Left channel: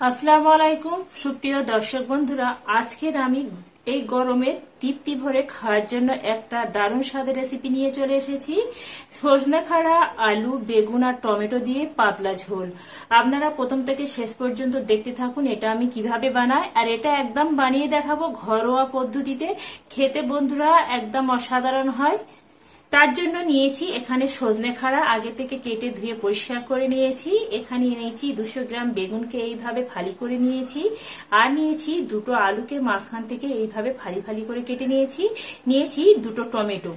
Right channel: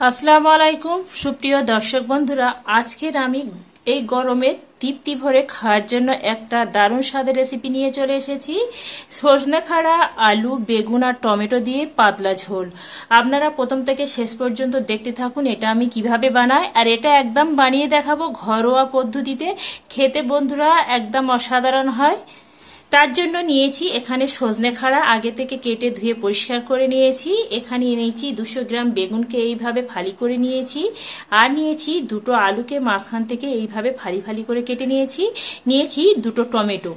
আসসালামু আলাইকুম সুপ্রিয় দর্শক বন্ধুরা, আজকের আমি এই গরমে তৃপ্তি ভরে খাওয়ার জন্য একটা দারুণ স্বাদের রেসিপি নিয়ে চলে এসেছি। সজনে খাড়া, আলু, বেগুন আর টমেটো দিয়ে পাতলা ঝোল। আপনারা প্রথম থেকে শেষ পর্যন্ত দেখতে থাকুন এটা আমি কিভাবে বানাই, আর এটা একদম বানিয়ে দেখাবো ঘরোয়া পদ্ধতিতে। খেতে বন্ধুরা একদম অসাধারণ হয়। তার জন্য নিয়েছি এখানে সজনে খাড়া, আগে থেকে কেটে ধুয়ে পরিষ্কার করে নিয়েছি। এখানে নিয়েছি 200 গ্রাম বেগুনকে এইভাবে ফালি করে নিয়েছি, আর নিয়েছি দুটো আলুকে মাঝখান থেকে এইভাবে ফালি ফালি করে কেটে নিয়েছি দুটো টমেটো।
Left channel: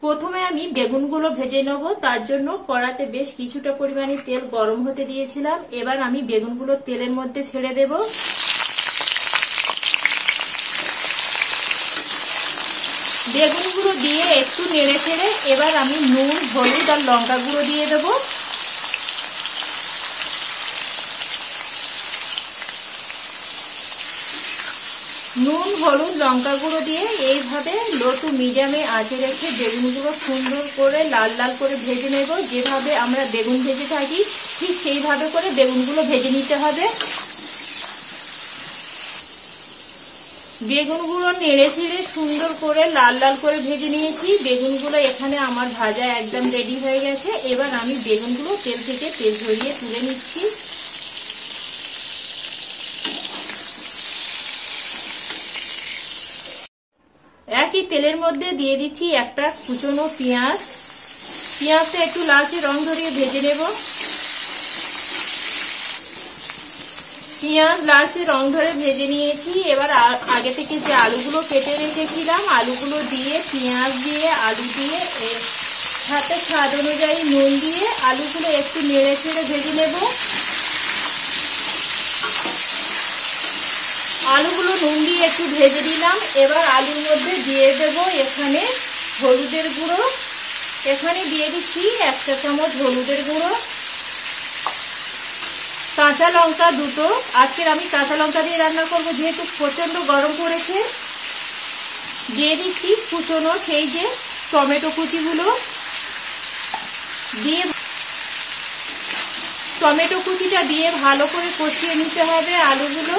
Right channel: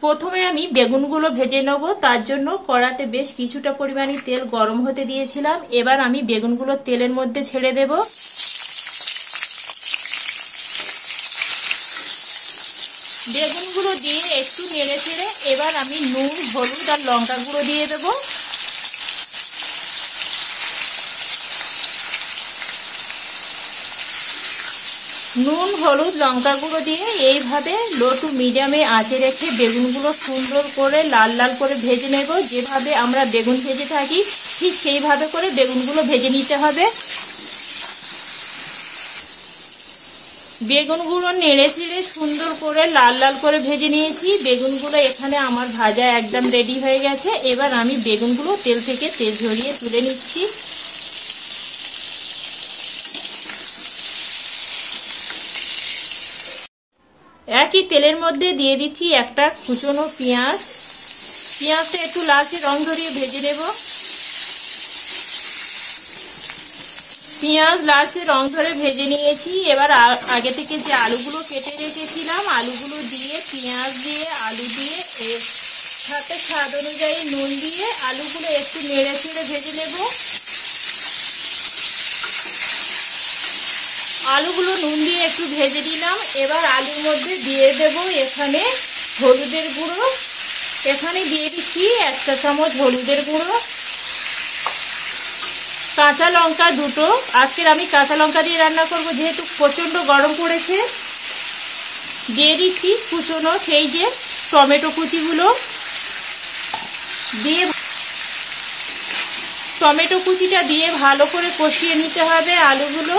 প্রথমে আমি বেগুনগুলো ভেজে নেব। তার জন্য কড়াতে বেশ কিছুটা পরিমাণে তেল গরম হতে দিয়েছিলাম। এবার আমি বেগুনগুলো তেলের মধ্যে ছেড়ে দেব। বেগুনগুলো দিয়ে একটু নেড়ে ছেড়ে এবার আমি নুন, হলুদ আর লঙ্কা গুঁড়ো দিয়ে দেবো। নুন, হলুদ, লঙ্কা গুঁড়ো দিয়ে এইভাবে লো টু মিডিয়ামে আঁচে রেখে বেগুনগুলো সুন্দর করে লাল লাল করে ভেজে নেব। যেভাবে আমরা বেগুন ভেজে থাকি ঠিক সেইভাবে করে বেগুনগুলো ভেজে নিতে হবে। বেগুনগুলো নেড়ে ছেড়ে সুন্দর করে লাল লাল করে ভেজে নিয়েছি। বেগুনগুলো এখানে আমার ভাজা একদম রেডি হয়ে গেছে। এবার আমি বেগুনগুলো তেল থেকে তেল ঝরিয়ে তুলে নিচ্ছি। একই তেলের মধ্যে দিয়ে দিচ্ছি একটা কুচনো পেঁয়াজ। পেঁয়াজটা একটু লালচে রং ধরিয়ে ভেজে নেব। পেঁয়াজ লালচে রং ধরে ভেজে নিয়েছি। এবার আগে থেকে যে আলুগুলো কেটে রেখেছিলাম আলুগুলো দিয়ে, পেঁয়াজ দিয়ে, আলু দিয়ে সাথে স্বাদ অনুযায়ী নুন দিয়ে আলুগুলো একটু নেড়ে ছেড়ে ভেজে নেব। আলুগুলো নুন দিয়ে একটু ভেজে দিলাম। এবার আলুর মধ্যে দিয়ে দেব এখানে হলুদের গুঁড়ো। এখানে দিয়ে দিচ্ছি 1 চা চামচ হলুদের গুঁড়ো। কাঁচা লঙ্কা দুটো, আজকের আমি কাঁচা লঙ্কা দিয়ে রান্না করব যেহেতু প্রচন্ড গরম পড়েছে। দিয়ে দিচ্ছি কুচনো সেই যে টমেটো কুচিগুলো দিয়ে, টমেটো কুচিটা দিয়ে ভালো করে কষিয়ে নিতে হবে আলুগুলো।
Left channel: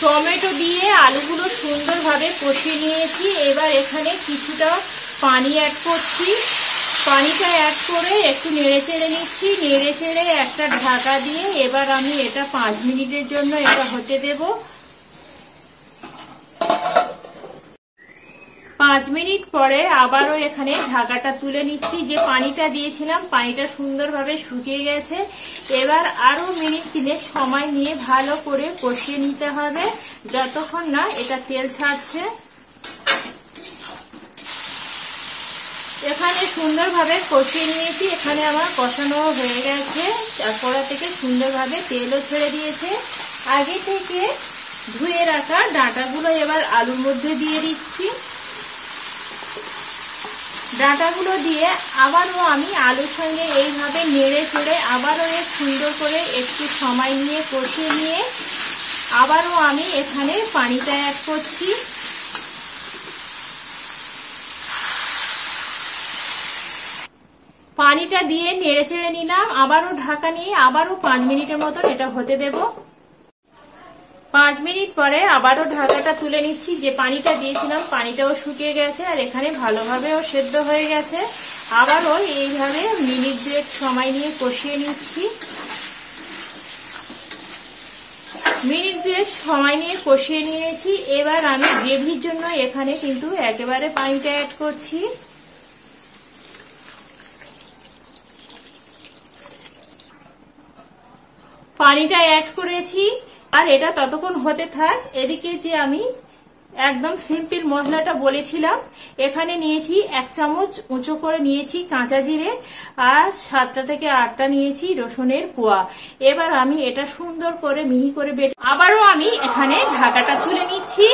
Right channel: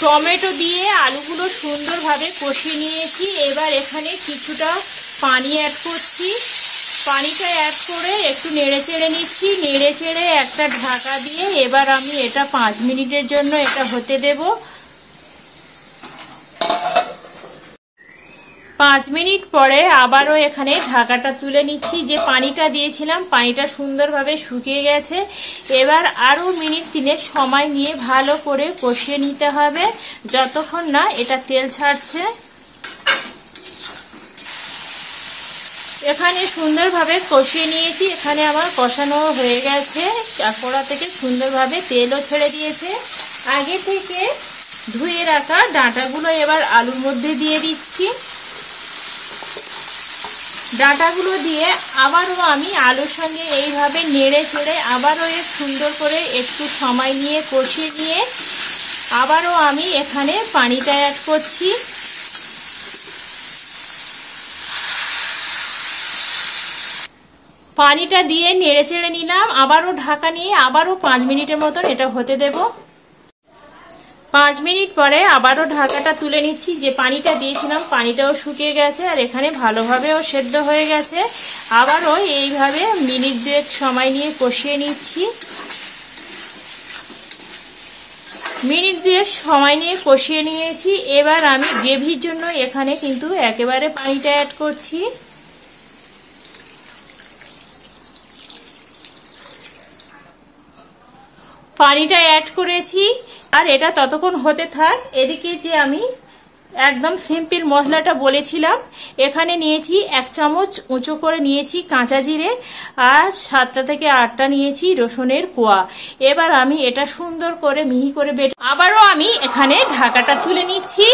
টমেটো দিয়ে আলুগুলো সুন্দরভাবে কষিয়ে নিয়েছি। এবার এখানে কিছুটা পানি অ্যাড করছি। পানিটা অ্যাড করে একটু নেড়ে চেড়ে নিচ্ছি। নেড়ে চেড়ে একটা ঢাকা দিয়ে এবার আমি এটা 5 মিনিটের জন্য এটা হতে দেব। 5 মিনিট পরে আবারও এখানে ঢাকাটা তুলে নিচ্ছি। যে পানিটা দিয়েছিলাম পানিটা সুন্দরভাবে শুকিয়ে গেছে। এবার আরো মিনিট 3 সময় নিয়ে ভালো করে কষিয়ে নিতে হবে যতক্ষণ না এটা তেল ছাড়ছে। এখানে সুন্দরভাবে কষিয়ে নিয়েছি। এখানে আমার কষানো হয়ে গেছে। কড়া থেকে সুন্দরভাবে তেলও ছেড়ে দিয়েছে। আগে থেকে ধুয়ে রাখা ডাঁটাগুলো এবার আলুর মধ্যে দিয়ে দিচ্ছি। ডাঁটাগুলো দিয়ে আবারও আমি আলুর সঙ্গে এইভাবে নেড়ে ছেড়ে আবারও সুন্দর করে একটু সময় নিয়ে কষিয়ে নিয়ে আবারও আমি এখানে পানিটা অ্যাড করছি। পানিটা দিয়ে নেড়ে চেড়ে নিলাম। আবারও ঢাকা নিয়ে আবারও 5 মিনিটের মতন এটা হতে দেব। 5 মিনিট পরে আবারও ঢাকাটা তুলে নিচ্ছি। যে পানিটা দিয়েছিলাম পানিটাও শুকিয়ে গেছে আর এখানে ভালোভাবেও সেদ্ধ হয়ে গেছে। আবারও এইভাবে মিনিট 2 সময় নিয়ে কষিয়ে নিচ্ছি। মিনিট 2 সময় নিয়ে কষিয়ে নিয়েছি। এবার আমি গ্রেভির জন্য এখানে কিন্তু একেবারে পানিটা অ্যাড করছি। পানিটা অ্যাড করেছি আর এটা ততক্ষণ হতে থাক। এদিকে যে আমি একদম সিম্পল মশলাটা বলেছিলাম, এখানে নিয়েছি 1 চামচ উঁচু করে নিয়েছি কাঁচা জিরে আর 7টা থেকে 8টা নিয়েছি রসুনের কোয়া। এবার আমি এটা সুন্দর করে মিহি করে বেটে আবারও আমি এখানে ঢাকাটা তুলে নিচ্ছি।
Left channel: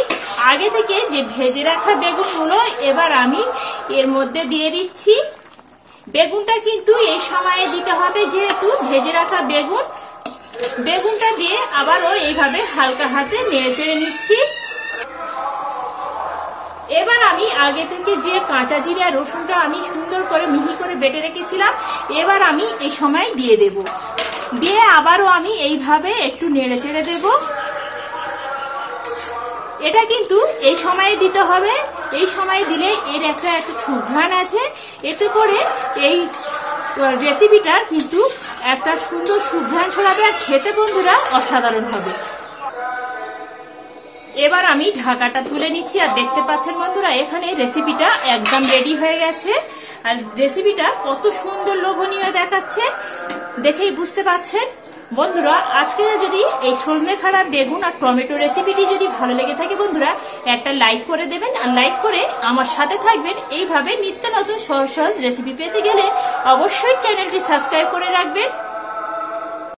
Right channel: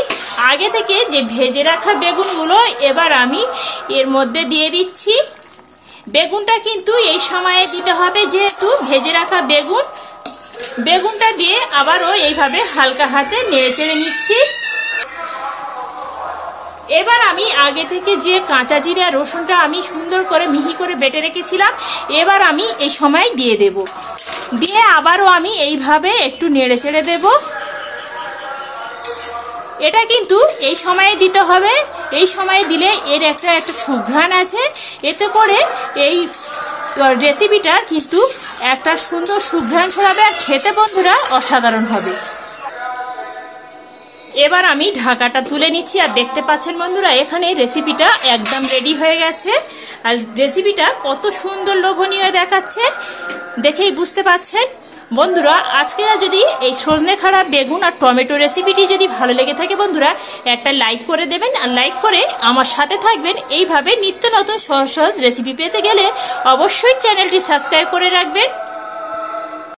আগে থেকে যে ভেজে রাখা বেগুনগুলো এবার আমি এর মধ্যে দিয়ে দিচ্ছি। বেগুনটা কিন্তু এই সময়ে দিতে হবে যেহেতু ভেজে রাখা বেগুন। বেগুনটা দিয়ে আবারও এইভাবে হালকা হাতে নেড়ে চেড়ে নিচ্ছি। এবার আমি আগে থেকে যে কাঁচা জিরে আর রসুনটা আমি সুন্দর করে মিহি করে বেটে রেখেছিলাম, এবার আমি এই সময় দিয়ে দেব। দিয়ে আবারও আমি এইভাবে একটু নেড়ে চেড়ে দেব। এটা কিন্তু এই সময়ে দিতে হবে, এই সময়ে দিলে এর একটা সুঘ্রাণ আছে, এতে করে এই রেসিপিটা কিন্তু একটা সুন্দর সুঘ্রাণ ছড়াবে আর খেতে বন্ধুরা অসাধারণ হবে। এবার আমি ঢাকাটা তুলে নিচ্ছি আর দেখতে পাচ্ছেন বন্ধুরা এখানে রেসিপিটা একদম রেডি হয়ে গেছে। আর রেসিপিটা কত সুন্দর লোভনীয় দেখাচ্ছে, দেখেই বুঝতে পাচ্ছেন। বন্ধুরা আজকে যদি এই সজনে খাড়া বেগুন আর টমেটো রেসিপিটি যদি ভালো লেগে থাকে বন্ধুরা একটা লাইক করে দেবেন, আর লাইক করে আমার সাথে থাকবেন। এইভাবে নিত্য নতুন সহজ সহজ রেসিপি পেতে গেলে অবশ্যই চ্যানেলটি সাবস্ক্রাইব করে রাখবেন।